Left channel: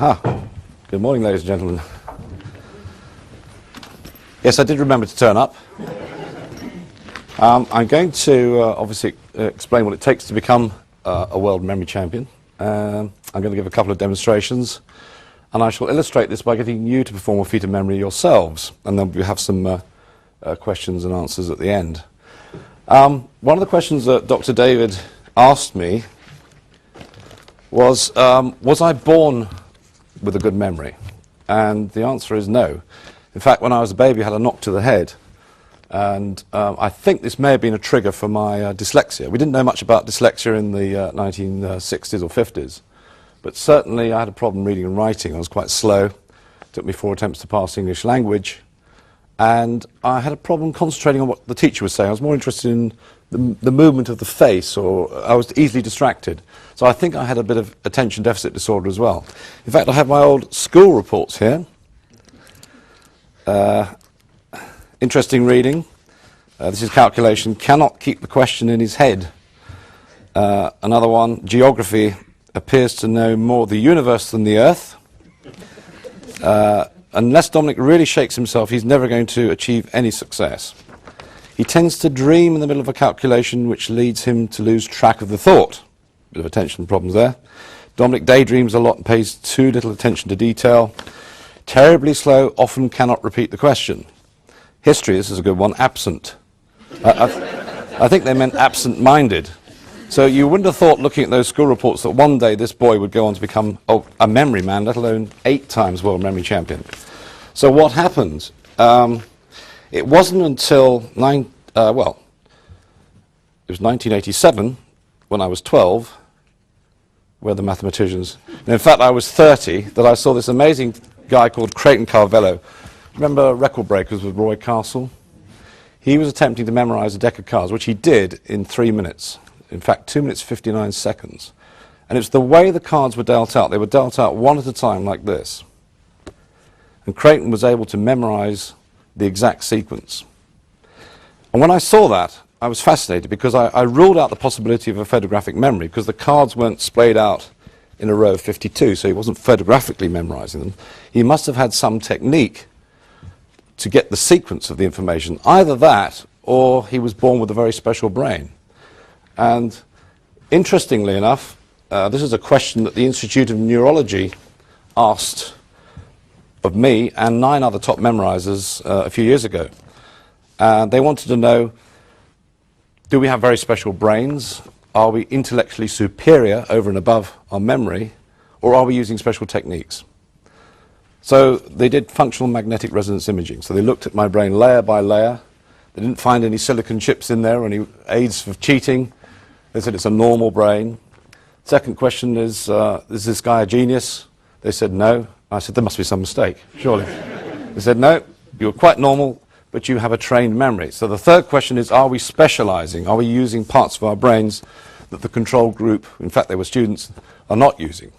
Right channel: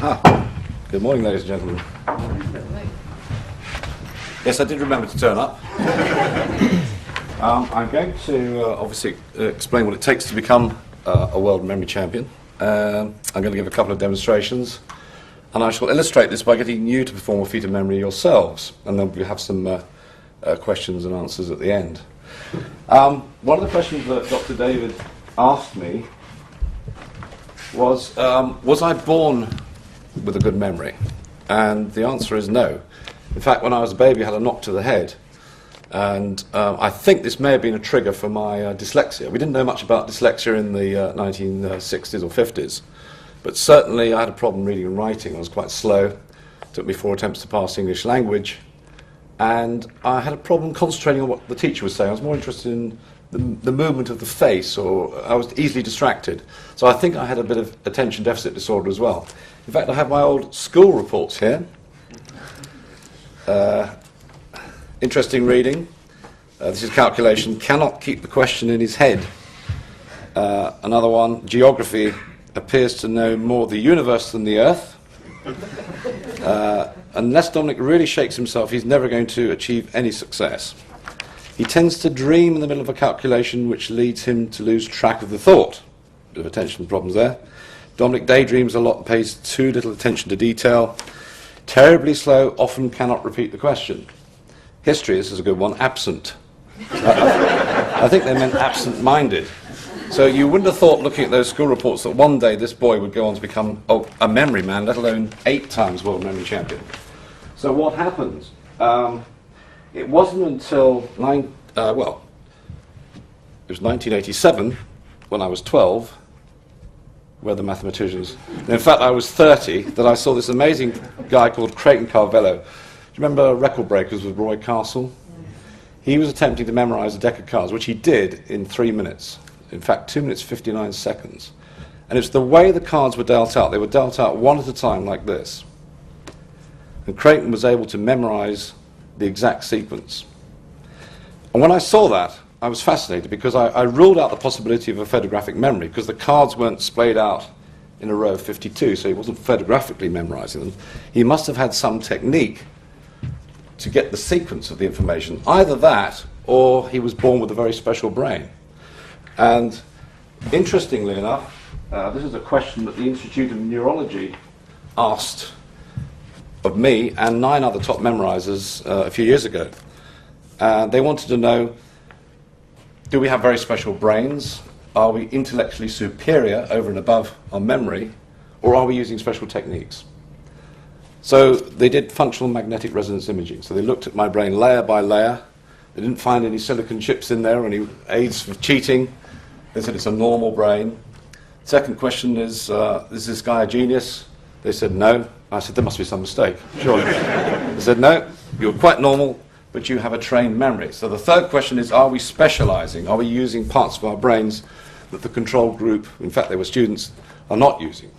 Aha. Good morning, ladies and gentlemen. Yes, I did remember to turn up. I'm going to obviously explain what it takes to become a world memory champion. I'm going to give a couple of demonstrations, and I shall illustrate this by getting you to perform a feat of memory yourselves, and then we'll have some questions and answers at the end. One of the questions that Dr. David asked me was I born with a good memory? And the answer is no. In fact, when I was a baby, I had a knock to the head, and I think this may have been a trigger for my dyslexia. We didn't know much about dyslexia in the 1960s or 50s, but certainly I had a problem reading and writing. I was quite slow. It took me 4 attempts to pass English language, and I had a problem concentrating on what the teacher was saying. I was more interested in the movement of the face, or I was easily distracted. So I think I had a bit of attention deficit disorder as well. In fact, I have my old school reports here. Interesting reading. This is calculation. Cannot keep the question in his head. Another one, geography. Appears to know more of the universe than the earth. Unless Dominic really shakes himself, he's never going to achieve any success. He tends to dream in the middle of a calculation, which leads him to lose track of the thought. Bit of attention problems there. Dominic daydreams a lot and pays too little attention to detail. Terribly slow, often cannot repeat the question. History, this is a good one, absent. I think they meant absent-minded. So you wouldn't have thought, looking at those school reports, that one day this boy would go on to become a memory man, let alone 8 times world memory champion. So what happened? It wasn't until, it was 1987, when I was 12, where the mathematicians, and in fact I was 30, that I saw this amazing guy called Creighton Carvello. Remember Record Breakers with Roy Castle? He was attempting to memorize a deck of cards, which he did in 3 minutes. In fact, 2 minutes 59 seconds. And it's the way the cards were dealt out. They were dealt out one at a time like this. And Creighton was able to memorize the exact sequence. And when I saw that, I was fascinated, because I ruled out the possibility of a photographic memory, because the cards weren't splayed out in a row of 52, so he wasn't photographically memorizing them. He must have had some technique to get the sequence of the information. Either that, or he was born with a very special brain. And interestingly enough, this is a question that the Institute of Neurology asked of me and 9 other top memorizers a few years ago. They wanted to know, do we have very special brains? Are we intellectually superior over and above our memory? Or are we using special techniques? So they did functional magnetic resonance imaging. So they looked at my brain layer by layer. They didn't find any silicon chips in there or any aids for cheating. They said it's a normal brain. Second question is this guy a genius? They said no. I said, there must be some mistake, surely. They said, no, you're quite normal, but you have a trained memory. So the third question is, are we specializing? Are we using parts of our brains that the control group, in fact they were students, are not using?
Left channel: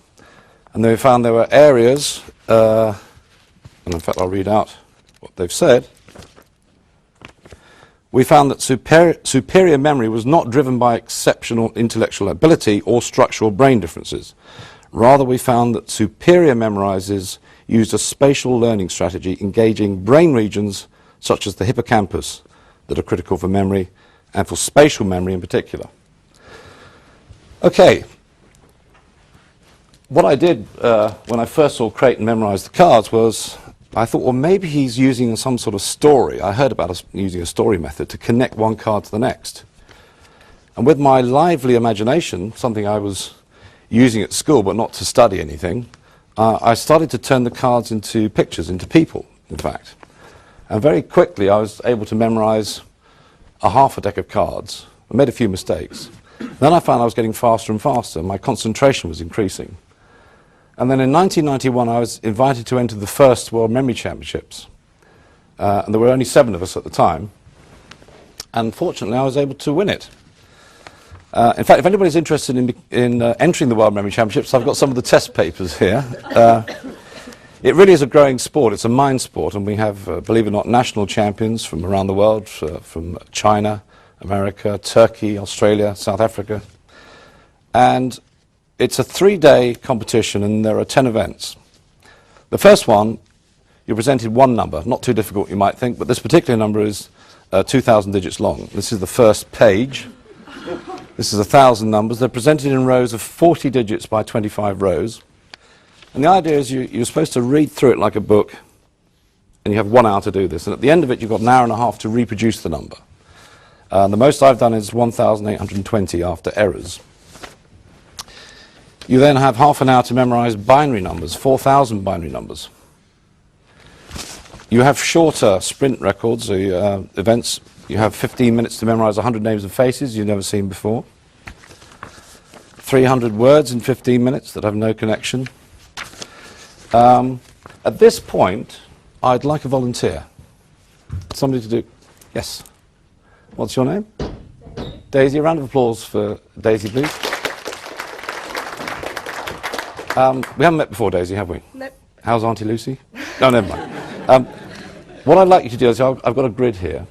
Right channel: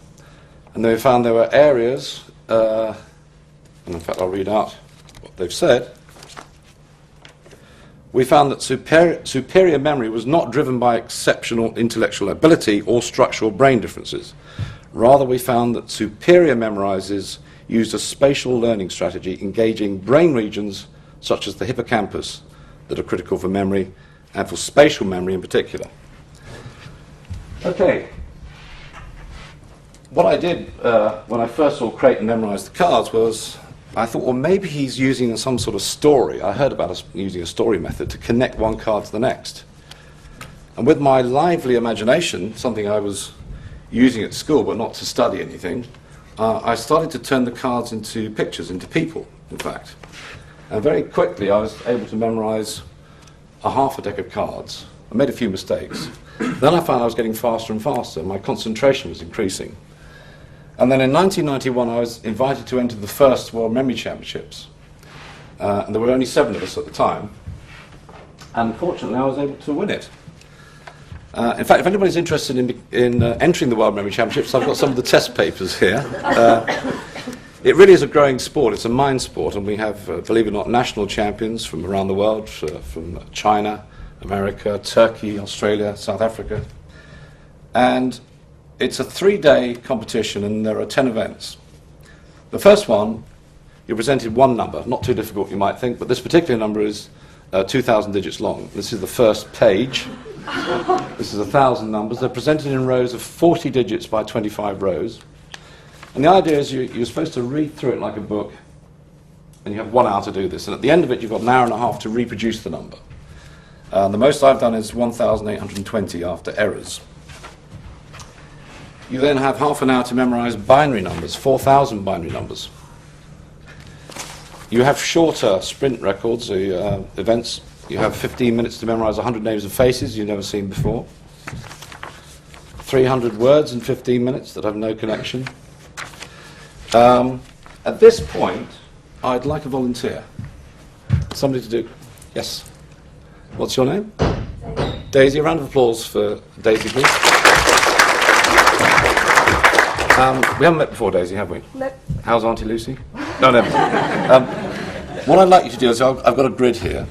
And they found there were areas, and in fact I'll read out what they've said. We found that superior memory was not driven by exceptional intellectual ability or structural brain differences. Rather, we found that superior memorizers used a spatial learning strategy engaging brain regions such as the hippocampus that are critical for memory and for spatial memory in particular. Okay. What I did when I first saw Creighton memorize the cards was, I thought, well, maybe he's using some sort of story. I heard about us using a story method to connect one card to the next. And with my lively imagination, something I was using at school but not to study anything, I started to turn the cards into pictures, into people, in fact. And very quickly I was able to memorize half a deck of cards. I made a few mistakes. Then I found I was getting faster and faster. My concentration was increasing. And then in 1991 I was invited to enter the first World Memory Championships. And there were only 7 of us at the time. And fortunately I was able to win it. In fact, if anybody's interested in entering the World Memory Championships, I've got some of the test papers here. It really is a growing sport. It's a mind sport, and we have, believe it or not, national champions from around the world, from China, America, Turkey, Australia, South Africa. And it's a 3-day competition, and there are 10 events. The first one, you're presented one number, not too difficult you might think, but this particular number is 2,000 digits long. This is the first page. This is 1,000 numbers. They're presented in rows of 40 digits by 25 rows. And the idea is you're supposed to read through it like a book, and you have 1 hour to do this. And at the end of it, you've got an hour and a half to reproduce the number. The most I've done is 1,820 after errors. You then have half an hour to memorize binary numbers, 4,000 binary numbers. You have shorter sprint records, events. You have 15 minutes to memorize 100 names and faces you've never seen before. 300 words in 15 minutes that have no connection. At this point, I'd like a volunteer. Somebody to do. Yes. What's your name? Daisy. A round of applause for Daisy, please. We haven't met before, Daisy, have we? Nope. How's Auntie Lucy? No, never mind. What I'd like you to do is, I've got a grid here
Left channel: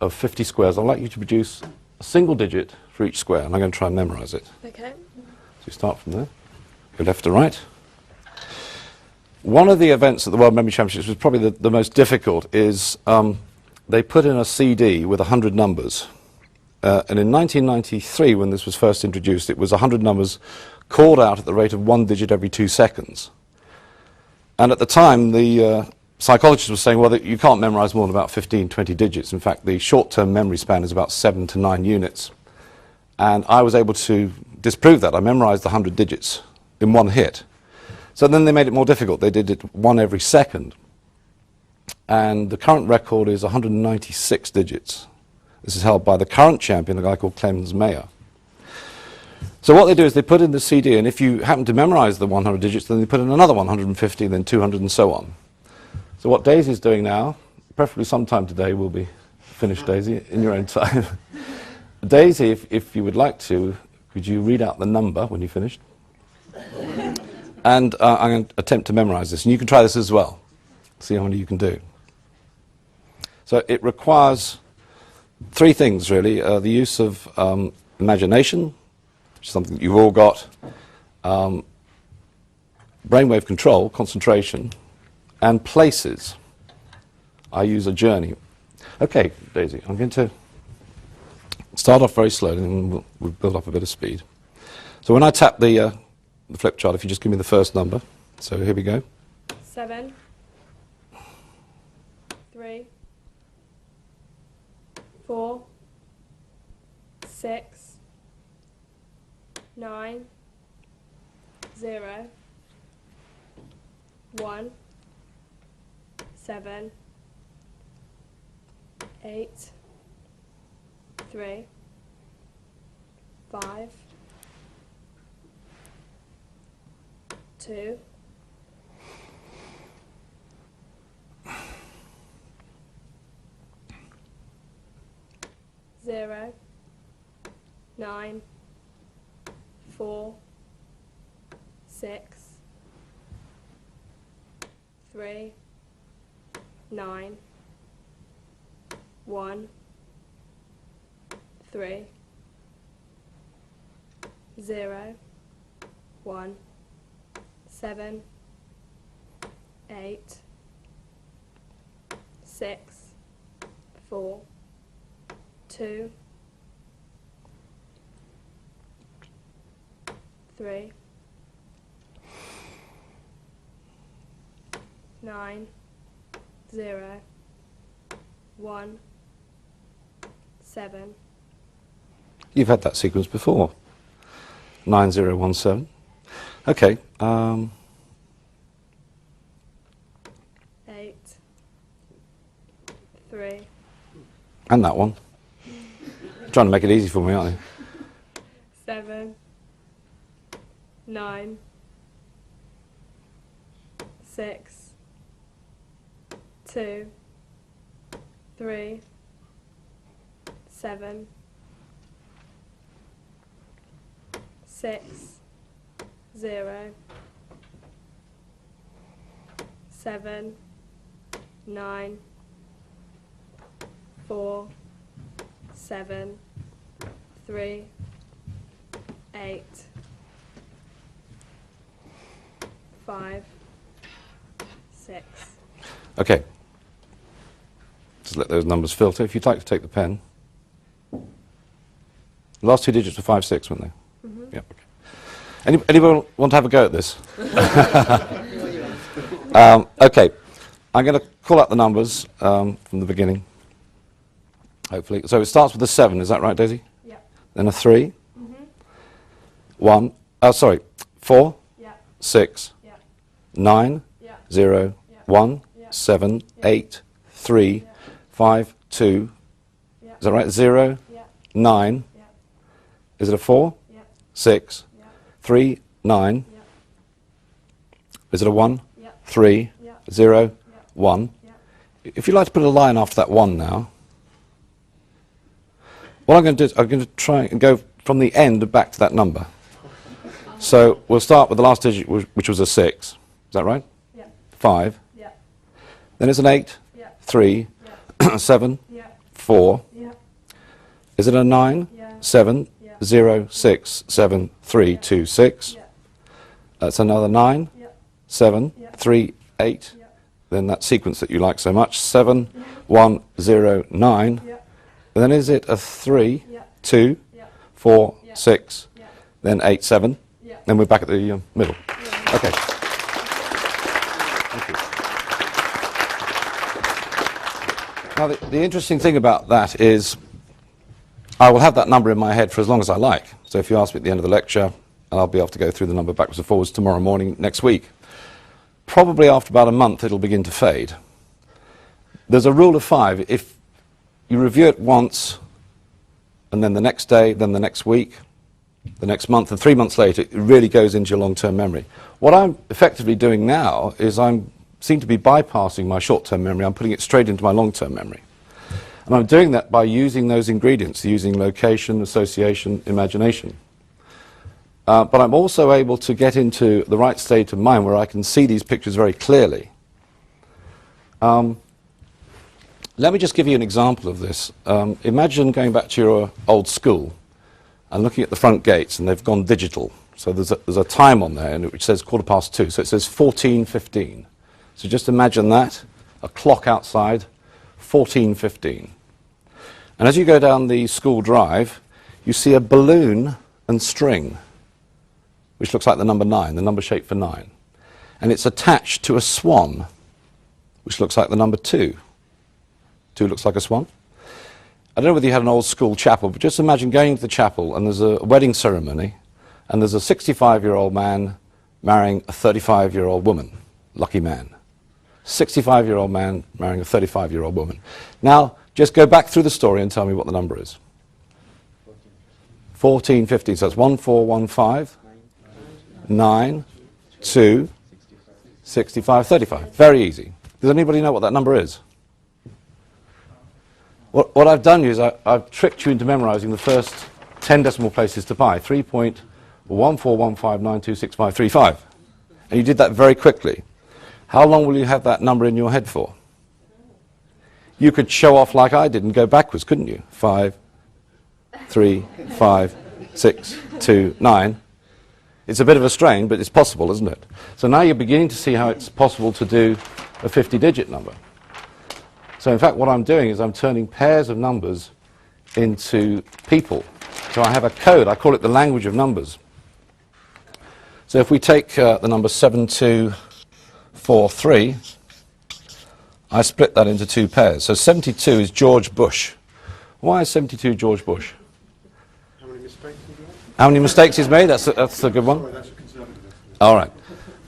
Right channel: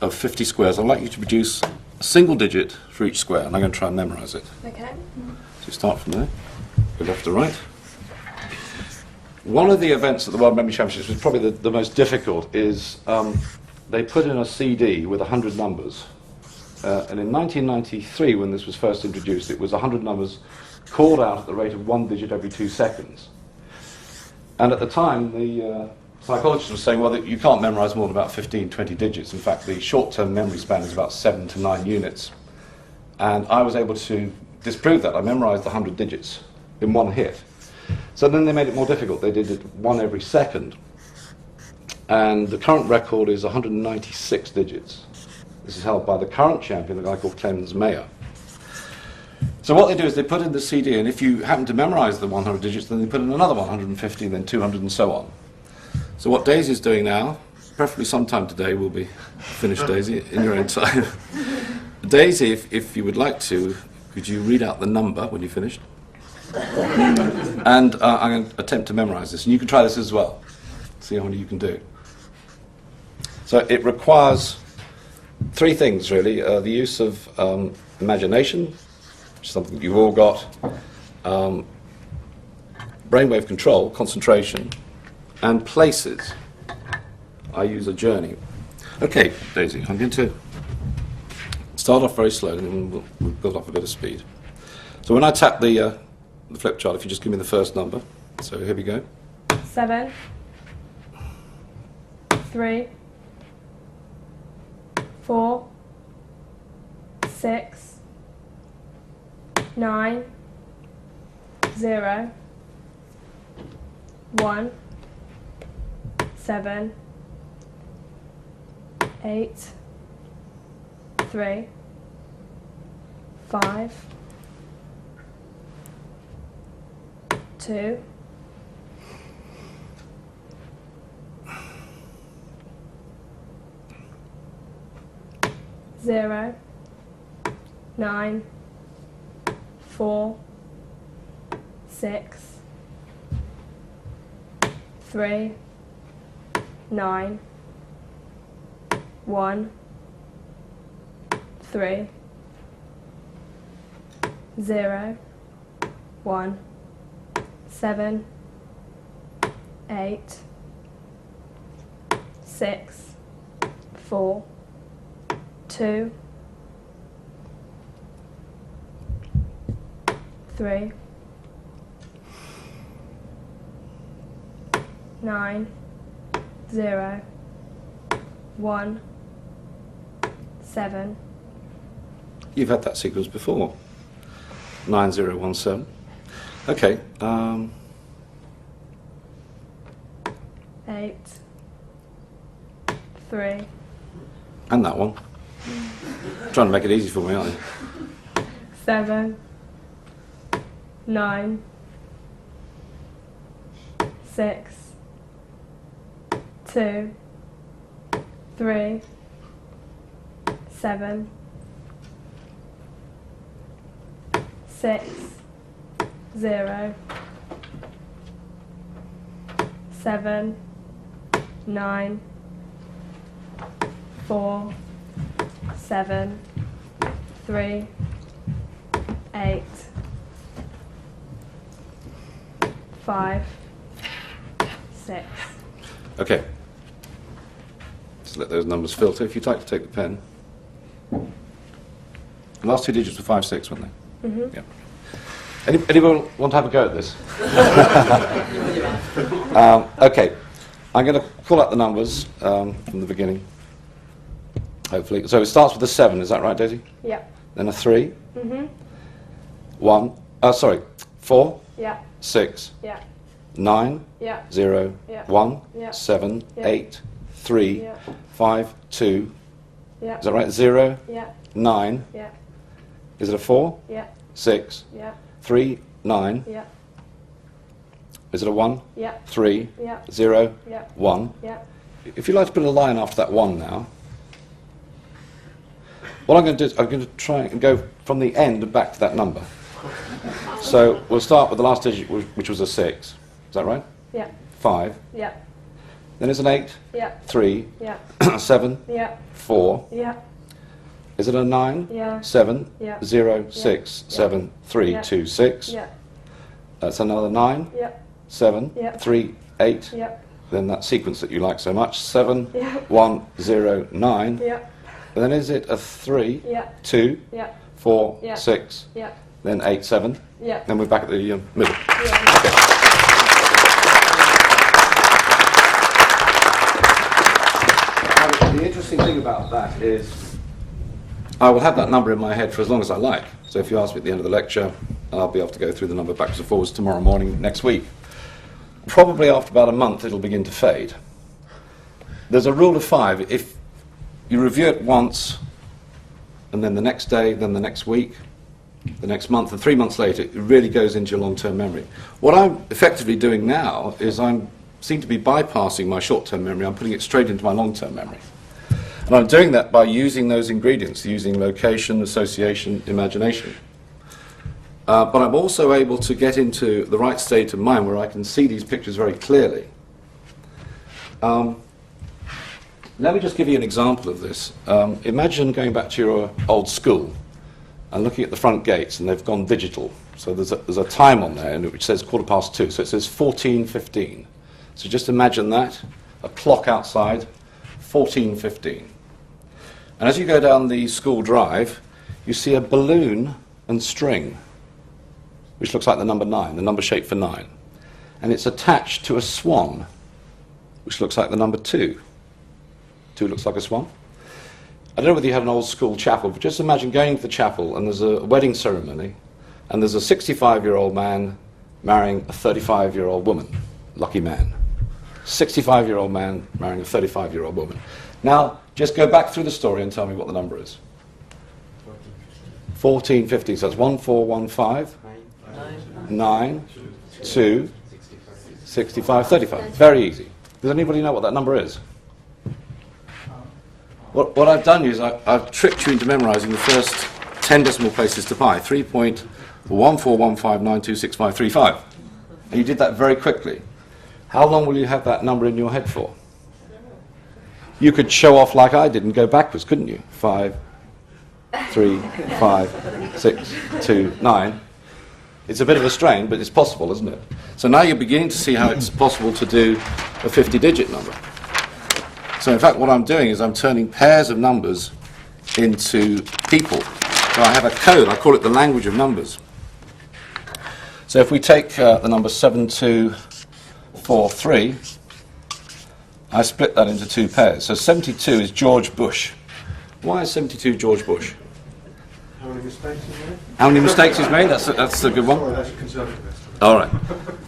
of 50 squares. I'd like you to produce a single digit for each square, and I'm going to try and memorize it. Okay. So you start from there, go left to right. One of the events at the World Memory Championships, which is probably the most difficult, is they put in a CD with 100 numbers. And in 1993, when this was first introduced, it was 100 numbers called out at the rate of 1 digit every 2 seconds. And at the time, the psychologists were saying, well, that you can't memorize more than about 15, 20 digits. In fact, the short-term memory span is about 7 to 9 units. And I was able to disprove that. I memorized the 100 digits in one hit. So then they made it more difficult. They did it 1 every second. And the current record is 196 digits. This is held by the current champion, a guy called Clemens Mayer. So what they do is they put in the CD, and if you happen to memorize the 100 digits, then they put in another 150, then 200, and so on. So what Daisy's doing now, preferably sometime today, will be finished, Daisy, in your own time. Daisy, if you would like to, could you read out the number when you're finished? And I'm going to attempt to memorize this, and you can try this as well. See how many you can do. So it requires 3 things, really. The use of imagination, which is something that you've all got, brainwave control, concentration, and places. I use a journey. Okay, Daisy, I'm going to start off very slowly, and then we'll build up a bit of speed. So when I tap the flip chart, if you just give me the first number. So here we go. 7, 3, 4, 6, 9, 0, 1, 7, 8, 3, 5, 2, 0, 9, 4, 6, 3, 9, 1, 3, 0, 1, 7, 8, 6, 4, 2, 3, 9, 0, 1, 7. You've had that sequence before. 9017. Okay. 8, 3, And that one. Trying to make it easy for me, aren't you? 7, 9, 6, 2, 3, 7, 6, 0, 7, 9, 4, 7, 3, 8, 5, 6. Okay. Just let those numbers filter. If you'd like to take the pen. The last 2 digits were 5, 6, weren't they? Mm-hmm. Yeah. Anyone want to have a go at this? Okay. I'm going to call out the numbers from the beginning. Hopefully. So it starts with a 7, is that right, Daisy? Yeah. Then a 3. Mm-hmm. 4, Yeah. 6, Yeah. 9, Yeah. 0, Yeah. 1, Yeah. 7, Yeah. 8, 3, Yeah. 5, 2. Yeah. Is that right? 0, Yeah. 9. Yeah. Is it a 4? Yeah. 6, Yeah. 3, 9. Yeah. Is it a 1? Yeah. 3, Yeah. 0, Yeah. 1. Yeah. If you'd like to put a line after that 1 now, what I'm going to do is I'm going to try and go from the end back to that number. So we'll start with the last digit, which was a 6. Is that right? Yeah. 5. Yeah. Then it's an 8, Yeah. 3, Yeah. 7, Yeah. 4. Yeah. Is it a 9? Yeah. 7, Yeah. 0, 6, 7, 3, Yeah. 2, 6. Yeah. That's another 9, Yeah. 7, Yeah. 3, 8. Yeah. Then that sequence that you like so much, 7, Yeah. 1, 0, 9. Yeah. And then is it a 3, Yeah. 2, Yeah. 4, Yeah. 6, Yeah. then 8, 7. Yeah. Then we're back at the middle. Yeah. Okay. Now, the interesting thing about that is I will have that number in my head for as long as I like. So if you ask me at the end of the lecture, I'll be able to go through the number backwards and forwards tomorrow morning, next week. Probably after about a month, it'll begin to fade. There's a rule of 5. If you review it once, and then the next day, then the next week, the next month, and 3 months later, it really goes into your long-term memory. What I'm effectively doing now is I seem to be bypassing my short-term memory. I'm putting it straight into my long-term memory. And I'm doing that by using those ingredients, using location, association, imagination. But I'm also able to get into the right state of mind where I can see these pictures very clearly. Let me just give you an example of this. Imagine going back to your old school and looking at the front gates, and they've gone digital. So there's a time on there which says 2:15. So it says 14:15. So just imagine that, a clock outside, 14:15. And as you go down the school drive, you see a balloon and string, which looks like the number 9, the number shaped for 9. And it's attached to a swan, which looks like the number 2. 2 looks like a swan. I don't know whether you have an old school chapel, but just imagine going to the chapel and there's a wedding ceremony and there's a 65-year-old man marrying a 35-year-old woman. Lucky man. 65-year-old man marrying a 35-year-old woman. Now, just go back through the story and tell me what the number is. 14:15. So it's 1415, 9, 2, 65, 35. Very easy. Does anybody know what that number is? What I've done is I've tricked you into memorizing the first 10 decimal places to pi, 3.1415926535. And you did that very quickly. How long will you have that number in your head for? You could show off like I did and go backwards, couldn't you? 5, 3, 5, 6, 2, 9. It's a bit of a strain, but it's possible, isn't it? So now you're beginning to see how it's possible to do a 50-digit number. So in fact, what I'm doing is I'm turning pairs of numbers into people. So I have a code, I call it the language of numbers. So if we take the number 7243, I split that into 2 pairs. So 72 is George Bush. Why is 72 George Bush? How many mistakes he's made? How many mistakes he's made? That's a good one. Sorry, that's a conservative. All right.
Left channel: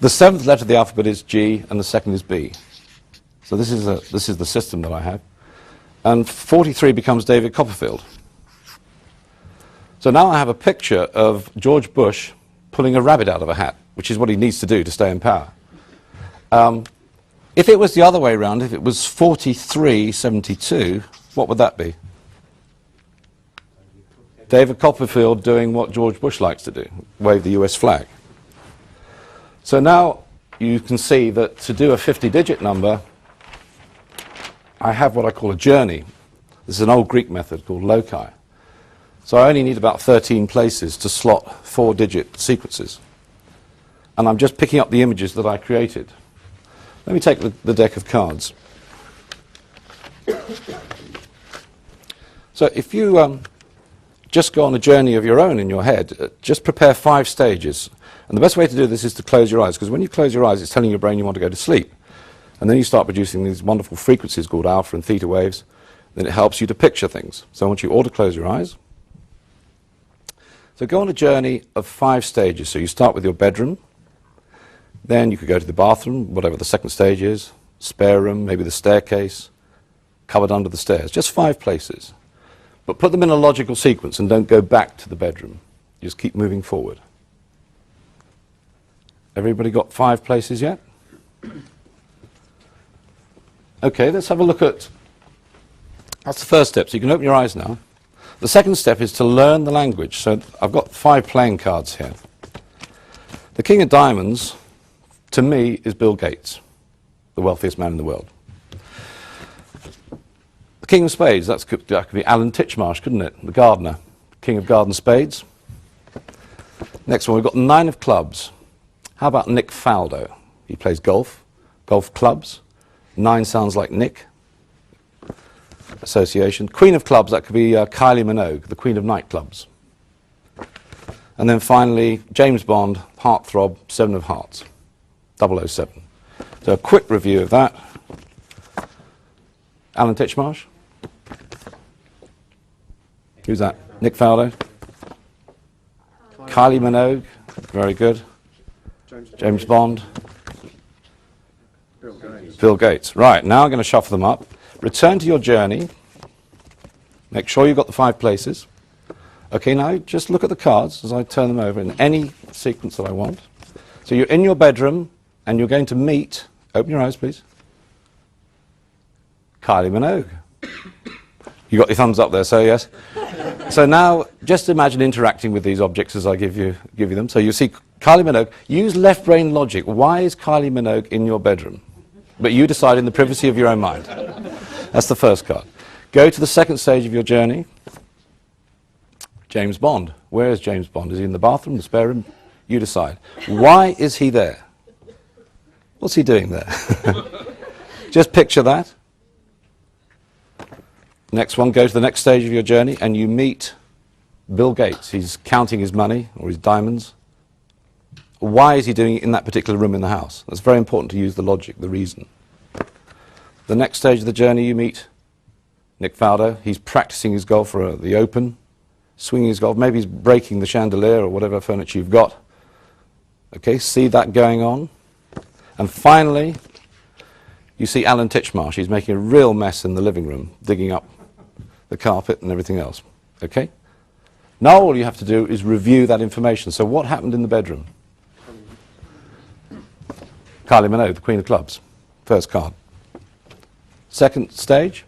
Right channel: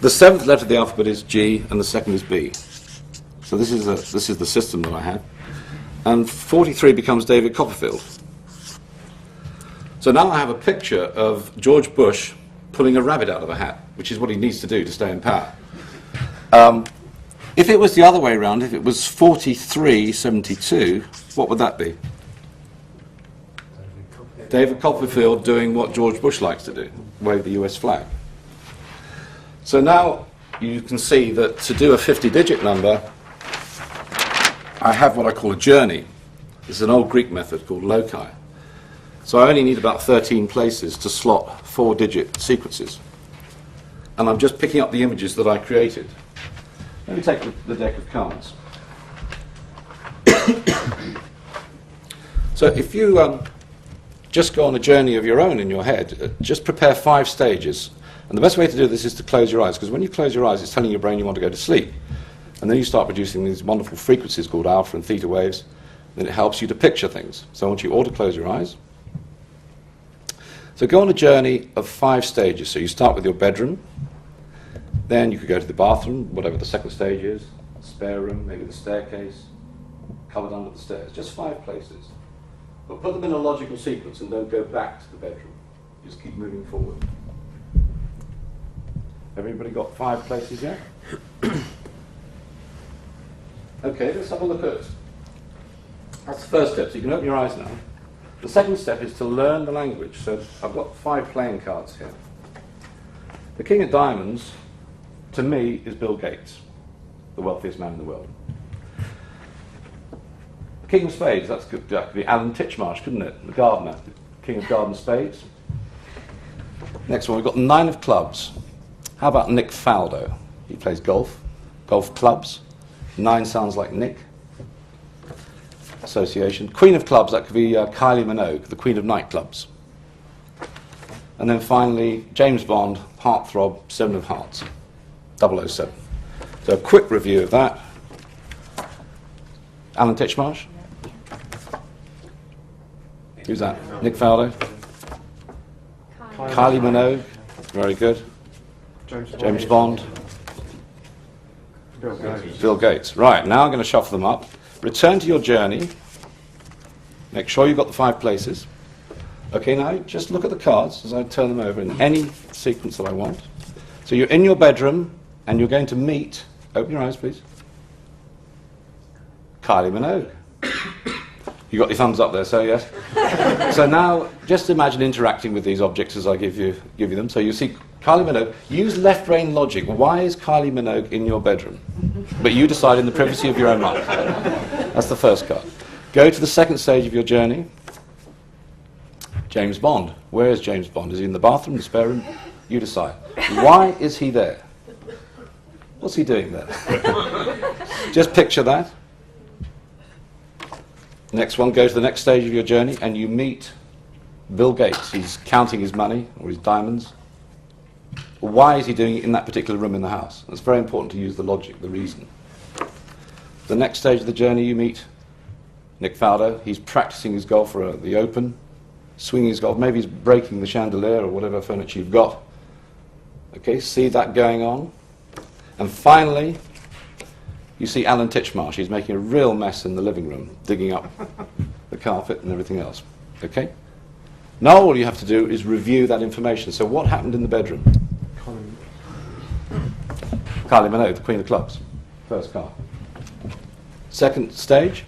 The 7th letter of the alphabet is G, and the 2nd is B. So this is the system that I have. And 43 becomes David Copperfield. So now I have a picture of George Bush pulling a rabbit out of a hat, which is what he needs to do to stay in power. If it was the other way around, if it was 4372, what would that be? David Copperfield doing what George Bush likes to do, wave the US flag. So now you can see that to do a 50-digit number, I have what I call a journey. This is an old Greek method called loci. So I only need about 13 places to slot 4-digit sequences. And I'm just picking up the images that I created. Let me take the deck of cards. So if you just go on a journey of your own in your head, just prepare 5 stages. And the best way to do this is to close your eyes, because when you close your eyes, it's telling your brain you want to go to sleep. And then you start producing these wonderful frequencies called alpha and theta waves. Then it helps you to picture things. So I want you all to close your eyes. So go on a journey of 5 stages. So you start with your bedroom. Then you could go to the bathroom, whatever the second stage is, spare room, maybe the staircase, cupboard under the stairs. Just 5 places. But put them in a logical sequence and don't go back to the bedroom. Just keep moving forward. Everybody got 5 places yet? Okay, let's have a look at... That's the first step, so you can open your eyes now. The second step is to learn the language. So I've got 5 playing cards here. The King of Diamonds, to me, is Bill Gates, the wealthiest man in the world. The King of Spades, that could be Alan Titchmarsh, couldn't it? The gardener, King of Garden Spades. Next one, we've got the 9 of Clubs. How about Nick Faldo? He plays golf, golf clubs. 9 sounds like Nick. Association. Queen of Clubs, that could be Kylie Minogue, the Queen of Nightclubs. And then finally, James Bond, Heartthrob, 7 of Hearts, 007. So a quick review of that. Alan Titchmarsh? Who's that? Nick Faldo? Kylie Minogue, very good. James Bond. Bill Gates. Right, now I'm going to shuffle them up. Return to your journey. Make sure you've got the 5 places. Okay, now just look at the cards as I turn them over in any sequence that I want. So you're in your bedroom and you're going to meet, open your eyes please, Kylie Minogue. You got your thumbs up there, so yes. So now just imagine interacting with these objects as I give you them. So you see Kylie Minogue. Use left brain logic. Why is Kylie Minogue in your bedroom? But you decide in the privacy of your own mind. That's the first card. Go to the second stage of your journey. James Bond. Where is James Bond? Is he in the bathroom, the spare room? You decide. Why is he there? What's he doing there? Just picture that. Next one, go to the next stage of your journey and you meet Bill Gates. He's counting his money or his diamonds. Why is he doing it in that particular room in the house? It's very important to use the logic, the reason. The next stage of the journey you meet Nick Faldo. He's practicing his golf for the Open, swinging his golf. Maybe he's breaking the chandelier or whatever furniture you've got. Okay, see that going on. And finally, you see Alan Titchmarsh. He's making a real mess in the living room, digging up the carpet and everything else. Okay? Now all you have to do is review that information. So what happened in the bedroom? Kylie Minogue, the Queen of Clubs. First card. Second stage?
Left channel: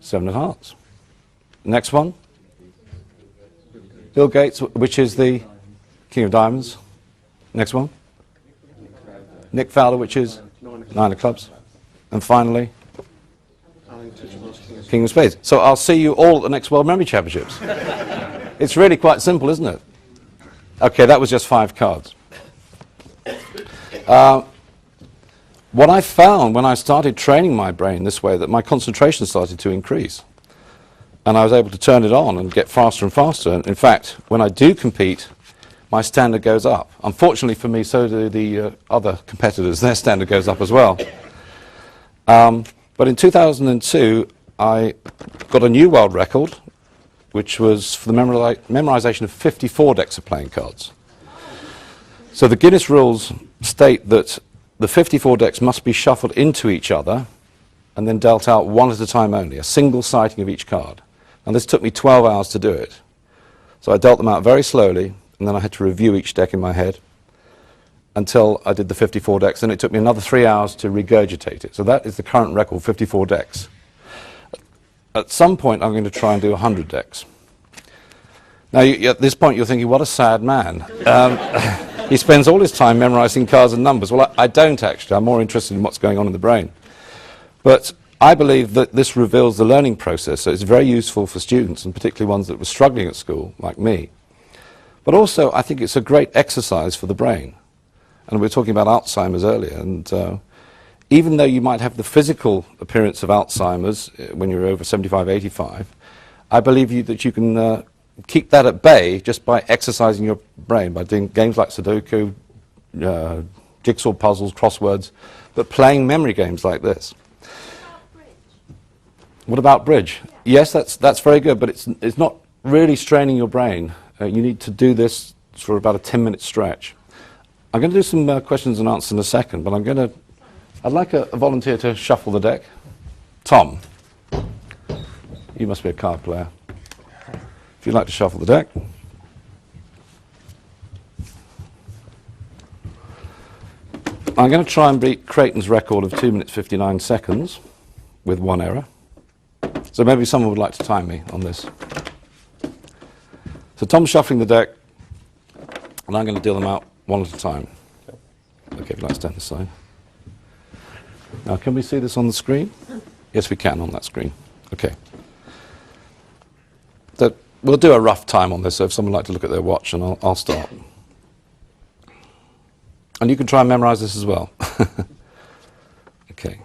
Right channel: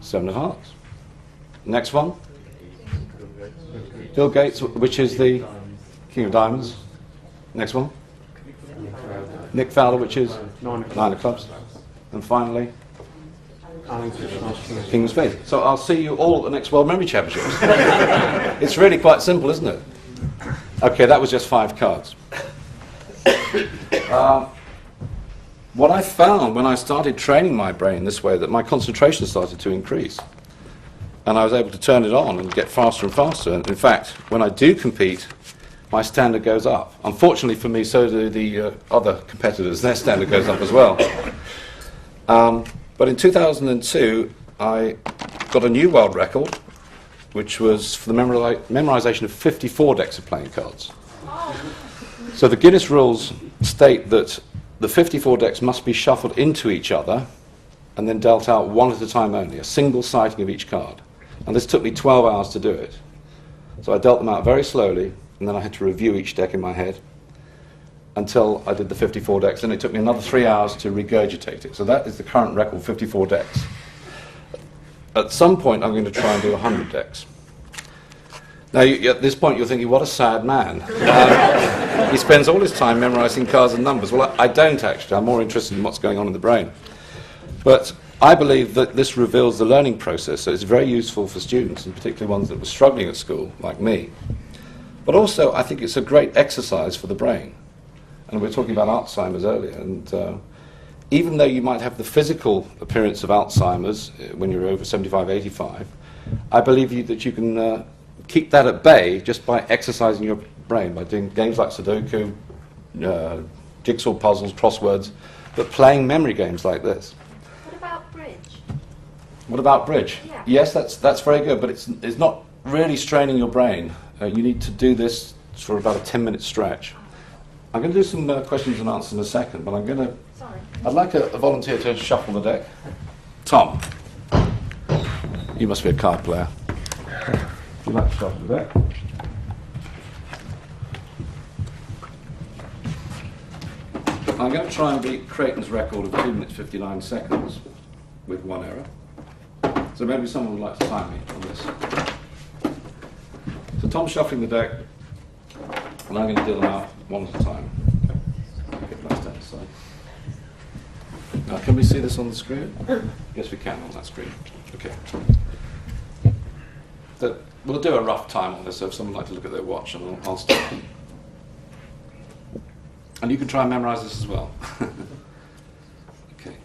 7 of Hearts. Next one? Bill Gates, which is the King of Diamonds. Next one? Nick Faldo, which is 9 of Clubs. And finally, King of Spades. So I'll see you all at the next World Memory Championships. It's really quite simple, isn't it? Okay, that was just 5 cards. What I found when I started training my brain this way, that my concentration started to increase. And I was able to turn it on and get faster and faster. And in fact, when I do compete, my standard goes up. Unfortunately for me, so do the other competitors. Their standard goes up as well. But in 2002, I got a new world record, which was for the memorization of 54 decks of playing cards. So the Guinness rules state that the 54 decks must be shuffled into each other and then dealt out one at a time only, a single sighting of each card. And this took me 12 hours to do it. So I dealt them out very slowly, and then I had to review each deck in my head until I did the 54 decks, and it took me another 3 hours to regurgitate it. So that is the current record, 54 decks. At some point, I'm going to try and do 100 decks. Now, at this point, you're thinking, what a sad man. He spends all his time memorizing cards and numbers. Well, I don't actually. I'm more interested in what's going on in the brain. But I believe that this reveals the learning process, so it's very useful for students, and particularly ones that were struggling at school, like me. But also, I think it's a great exercise for the brain. And we were talking about Alzheimer's earlier, and even though you might have the physical appearance of Alzheimer's when you're over 75, 85, I believe that you can keep that at bay just by exercising your brain, by doing games like Sudoku, jigsaw puzzles, crosswords, but playing memory games like this. What about bridge? What about bridge? Yeah. Yes, that's very good, but it's not really straining your brain. You need to do this for about a 10-minute stretch. I'm going to do some questions and answers in a second, but I'd like a volunteer to shuffle the deck. Tom, you must be a card player. If you'd like to shuffle the deck. I'm going to try and beat Creighton's record of 2 minutes 59 seconds with one error. So maybe someone would like to time me on this. So Tom's shuffling the deck, and I'm going to deal them out one at a time. Okay, let's stand aside. Now, can we see this on the screen? Yes, we can on that screen. Okay. So we'll do a rough time on this, so if someone would like to look at their watch, and I'll start. And you can try and memorize this as well. Okay.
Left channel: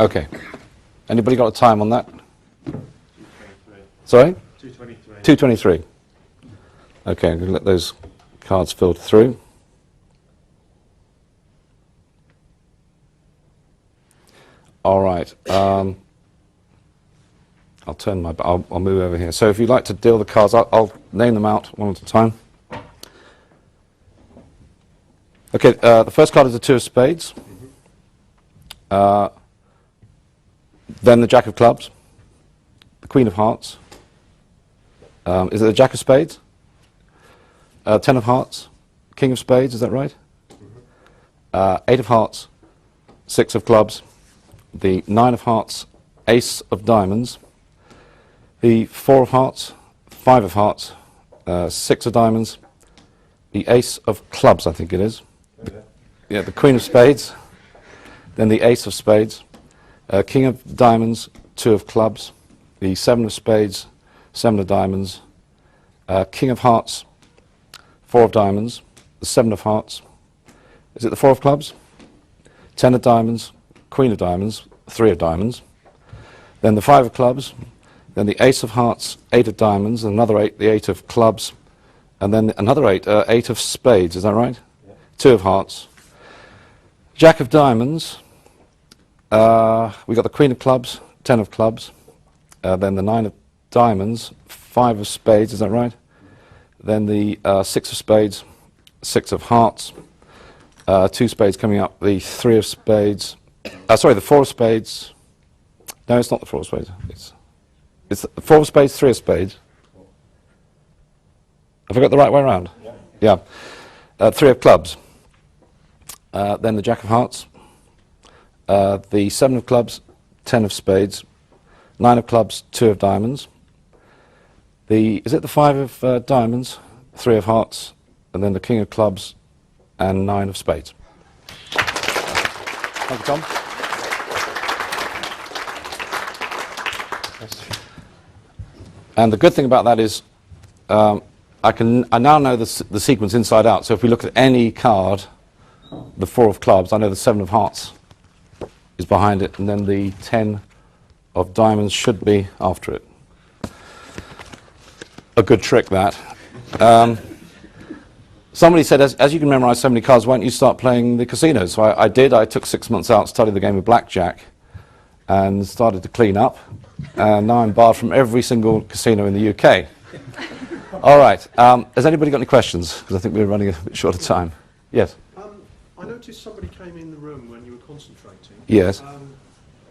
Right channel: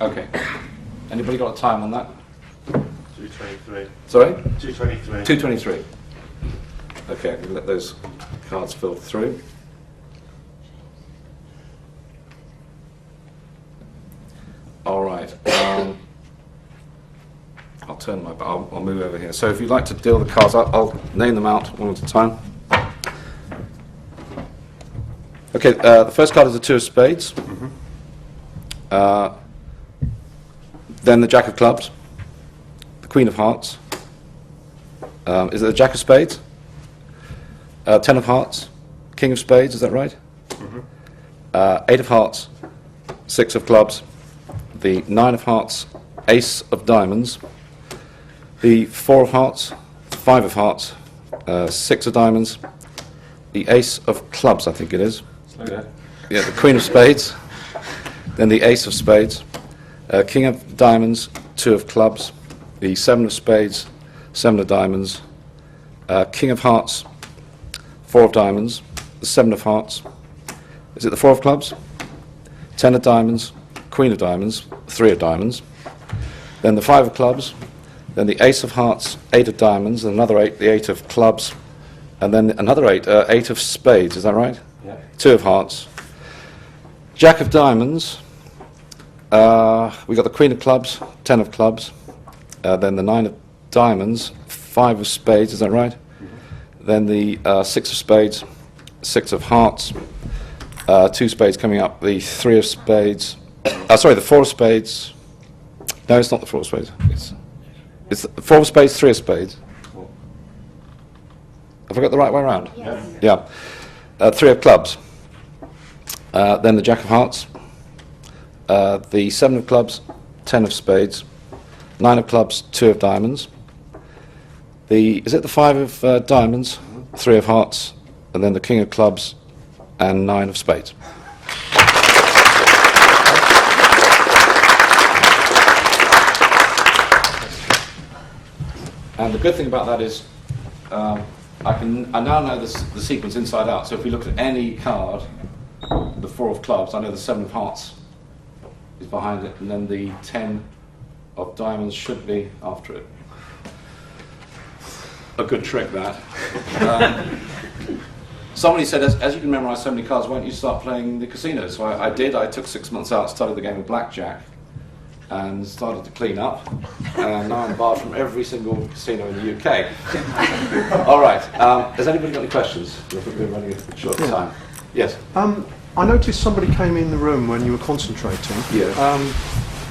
Okay. Anybody got a time on that? 2:23. Sorry? 2:23. 2:23. Okay, I'm going to let those cards filter through. All right. I'll turn my. I'll move over here. So if you'd like to deal the cards, I'll name them out one at a time. Okay. The first card is the two of spades. Then the jack of clubs, the queen of hearts. Is it the jack of spades? 10 of hearts, king of spades, is that right? 8 of hearts, 6 of clubs, the 9 of hearts, ace of diamonds, the 4 of hearts, 5 of hearts, 6 of diamonds, the ace of clubs, I think it is. Yeah, the queen of spades, then the ace of spades, king of diamonds, 2 of clubs, the 7 of spades, 7 of diamonds, king of hearts, 4 of diamonds, the 7 of hearts, is it the 4 of clubs? 10 of diamonds, queen of diamonds, 3 of diamonds, then the 5 of clubs, then the ace of hearts, 8 of diamonds, another 8, the 8 of clubs, And then another 8, 8 of spades, is that right? Yeah. 2 of hearts. Jack of diamonds. We got the Queen of clubs, 10 of clubs. Then the 9 of diamonds, 5 of spades, is that right? Then the 6 of spades, 6 of hearts, 2 spades coming up, the 3 of spades, sorry, the 4 of spades. No, it's not the 4 of spades. It's the 4 of spades, 3 of spades. Have I got the right way around? Yes. Yeah. 3 of clubs. Then the Jack of hearts, the 7 of clubs, 10 of spades, 9 of clubs, 2 of diamonds. Is it the 5 of diamonds, 3 of hearts, and then the King of clubs, and 9 of spades? And the good thing about that is I now know the sequence inside out. So if we look at any card, the 4 of clubs, I know the 7 of hearts is behind it, and then the 10 of diamonds should be after it. A good trick, that. Somebody said, as you can memorize so many cards, why don't you start playing the casinos? So I did. I took 6 months out, studied the game of blackjack, and started to clean up. And now I'm barred from every single casino in the UK. All right. Has anybody got any questions? 'Cause I think we're running a bit short of time. Yes. I noticed somebody came in the room when you were concentrating. Yes.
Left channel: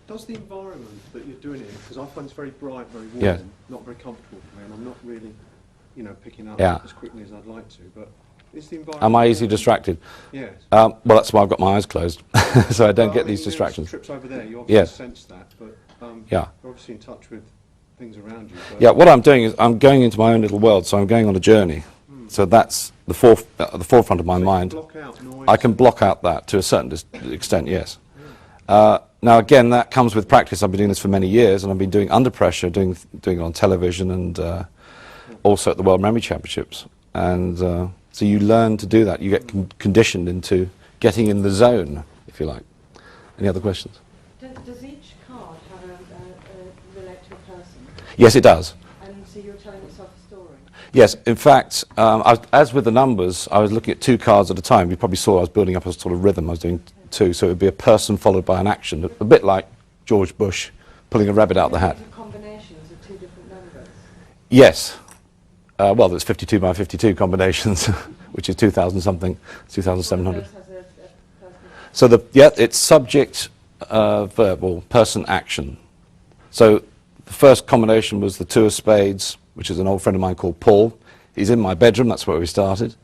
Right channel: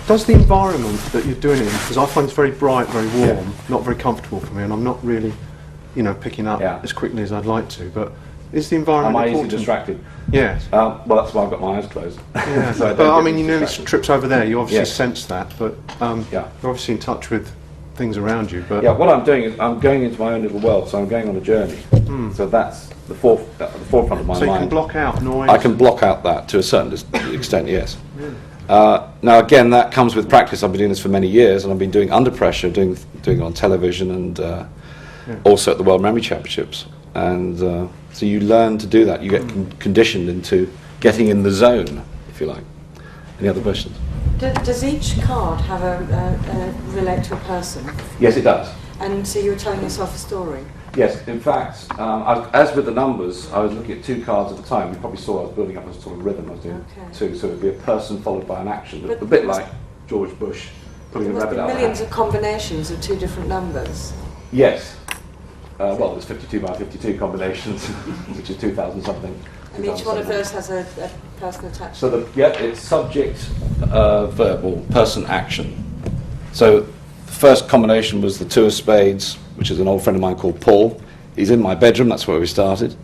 Does the environment that you're doing it in, because I find it's very bright, very warm, Yeah. not very comfortable for me, and I'm not really, picking up Yeah. as quickly as I'd like to, but is the environment Am I easily important? distracted? Yes. Well, that's why I've got my eyes closed. Yeah. So I don't But, get mean, these you know, distractions. trips over there, you obviously Yes. sense that, but Yeah. you're obviously in touch with things around you. But Yeah, what I'm doing is I'm going into my own little world, so I'm going on a journey. So that's the forefront of my so you can mind. block out noise. I can block out that to a certain extent, yes. Now again, that comes with practice. I've been doing this for many years, and I've been doing under pressure, doing it on television, and also at the World Memory Championships. And so you learn to do that. You get conditioned into getting in the zone, if you like. Any other questions? Does each card have relate to a person? Yes, it does. And so you were telling yourself a story? Yes, in fact, as with the numbers, I was looking at 2 cards at a time. You probably saw I was building up a sort of rhythm. I was doing 2, so it would be a person followed by an action, a bit like George Bush pulling a rabbit out of the Millions hat. of combinations of 2 different numbers. Yes. Well, there's 52 by 52 combinations, which is 2,000 something, Each one of 2,700. those has a person attached. So it's subject, verb, or person, action. So the first combination was the 2 of spades, which is an old friend of mine called Paul. He's in my bedroom, that's where we started.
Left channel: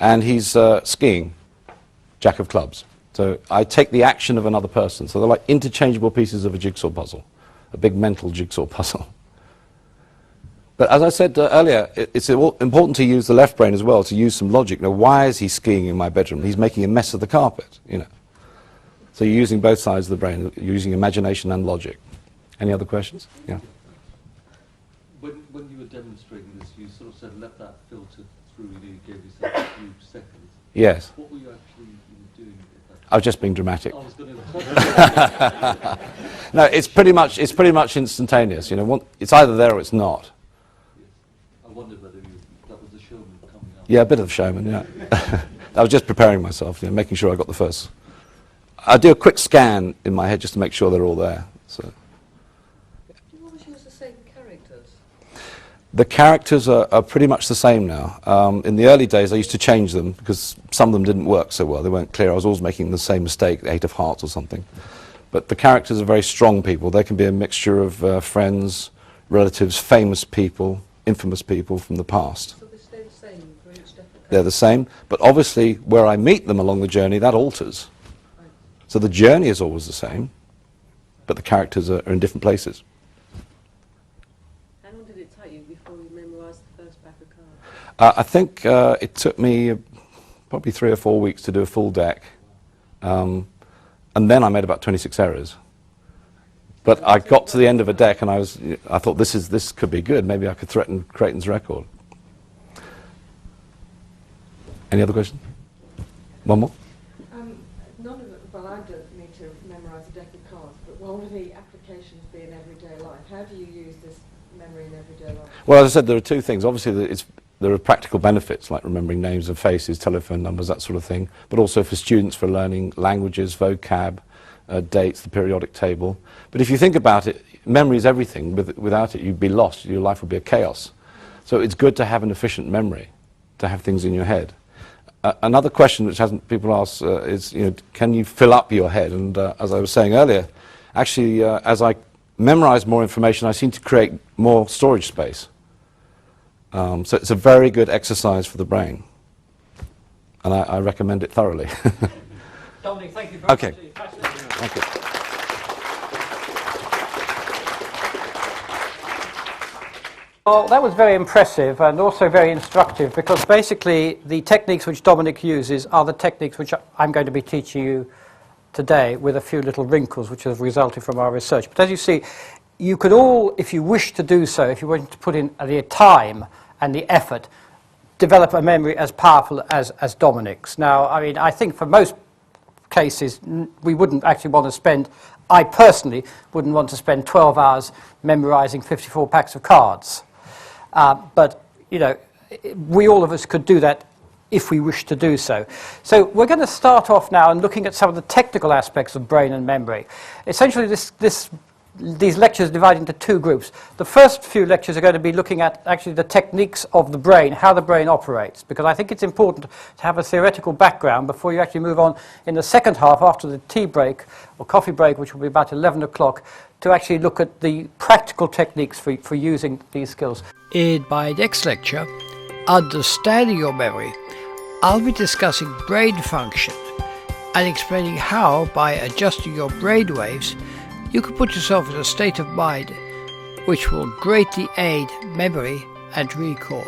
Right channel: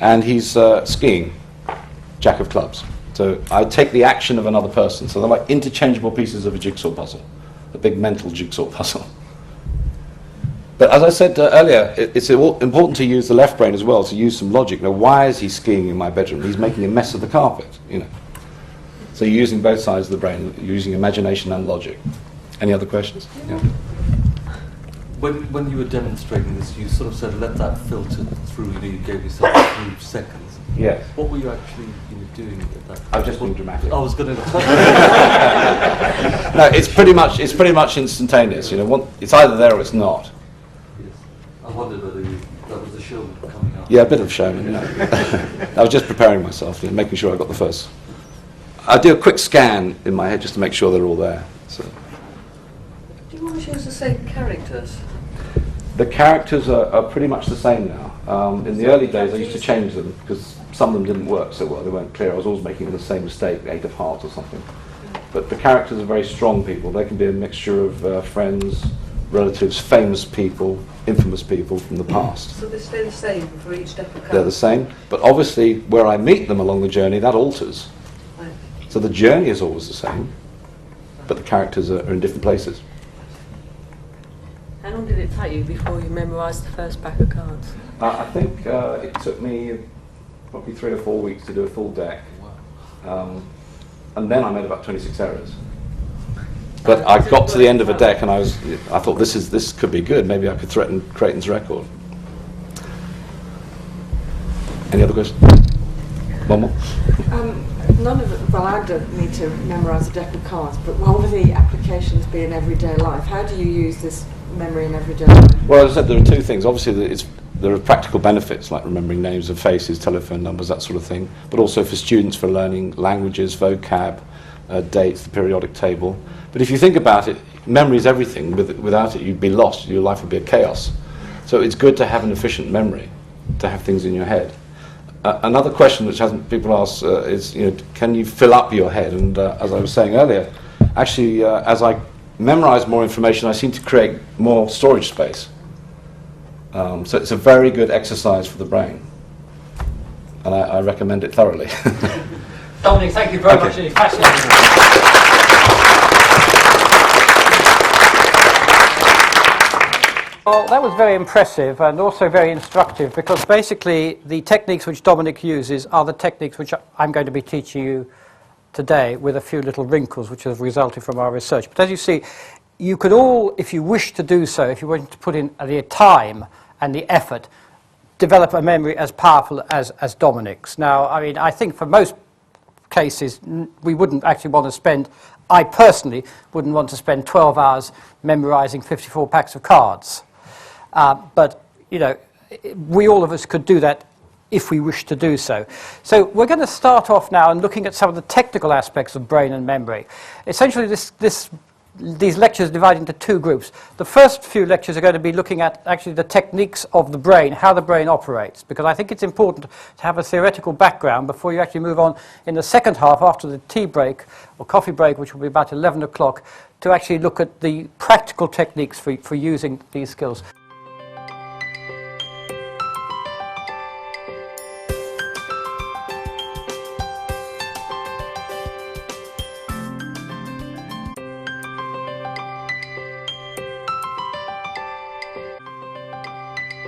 And he's skiing, Jack of clubs. So I take the action of another person. So they're like interchangeable pieces of a jigsaw puzzle, a big mental jigsaw puzzle. But as I said earlier, it's important to use the left brain as well, to use some logic. Now, why is he skiing in my bedroom? He's making a mess of the carpet, So you're using both sides of the brain, using imagination and logic. Any other questions? Yeah. When you were demonstrating this, you sort of said, let that filter through, you gave yourself 3 seconds. Yes. What were you actually doing at that? I was just being dramatic. I was going to... No, it's pretty much instantaneous. It's either there or it's not. Yes. I wondered whether that was the showman coming out. Yeah, a bit of showman, yeah. I was just preparing myself, making sure I got the first. I do a quick scan in my head just to make sure they're all there. So. Do you always use the same characters? The characters are pretty much the same now. In the early days, I used to change them because some of them didn't work so well. They weren't clear. I was always making the same mistake, 8 of hearts or something. But the characters are very strong people. They can be a mixture of friends, relatives, famous people, infamous people from the past. So they stay the same for each deck of cards? They're the same, but obviously where I meet them along the journey, that alters. Right. So the journey is always the same, but the characters are in different places. How long did it take you before you memorised the first pack of cards? I think it took me probably 3 or 4 weeks to do a full deck, and then I made about 26 errors. But I got to the end of a deck and I thought this could be good. Maybe I could threaten Creighton's record. Any other questions? One more? None of it, well, I don't need to memorise a deck of cards, but what will the applications be in everyday life? How do you use this memory in everyday life? Well, as I said, there are 2 things. Obviously, there are practical benefits like remembering names of faces, telephone numbers, that sort of thing, but also for students for learning languages, vocab, dates, the periodic table. But if you think about it, memory is everything. Without it, you'd be lost. Your life would be a chaos. So it's good to have an efficient memory, to have things in your head. Another question which people ask is, can you fill up your head? And as I was saying earlier, actually, as I memorize more information, I seem to create more storage space. So it's a very good exercise for the brain. And I recommend it thoroughly. Dominic, thank you very much. It's fascinating. Well, that was very impressive and also very instructive, because basically the techniques which Dominic uses are the techniques which I'm going to be teaching you today, with a few little wrinkles which have resulted from our research. But as you see, you could all, if you wish to do so, if you want to put in the time and the effort, develop a memory as powerful as Dominic's. Now, I mean, I think for most cases we wouldn't actually want to spend, I personally wouldn't want to spend 12 hours memorising 54 packs of cards. But, we all of us could do that if we wish to do so. So we're going to start off now and looking at some of the technical aspects of brain and memory. Essentially, these lectures are divided into two groups. The first few lectures are going to be looking at actually the techniques of the brain, how the brain operates, because I think it's important to have a theoretical background before you actually move on in the second half, after the tea break or coffee break, which will be about 11 o'clock, to actually look at the practical techniques for using these skills. In my next lecture, Understanding Your Memory, I'll be discussing brain function and explaining how, by adjusting your brain waves, you can put yourself in a state of mind which will greatly aid memory and recall.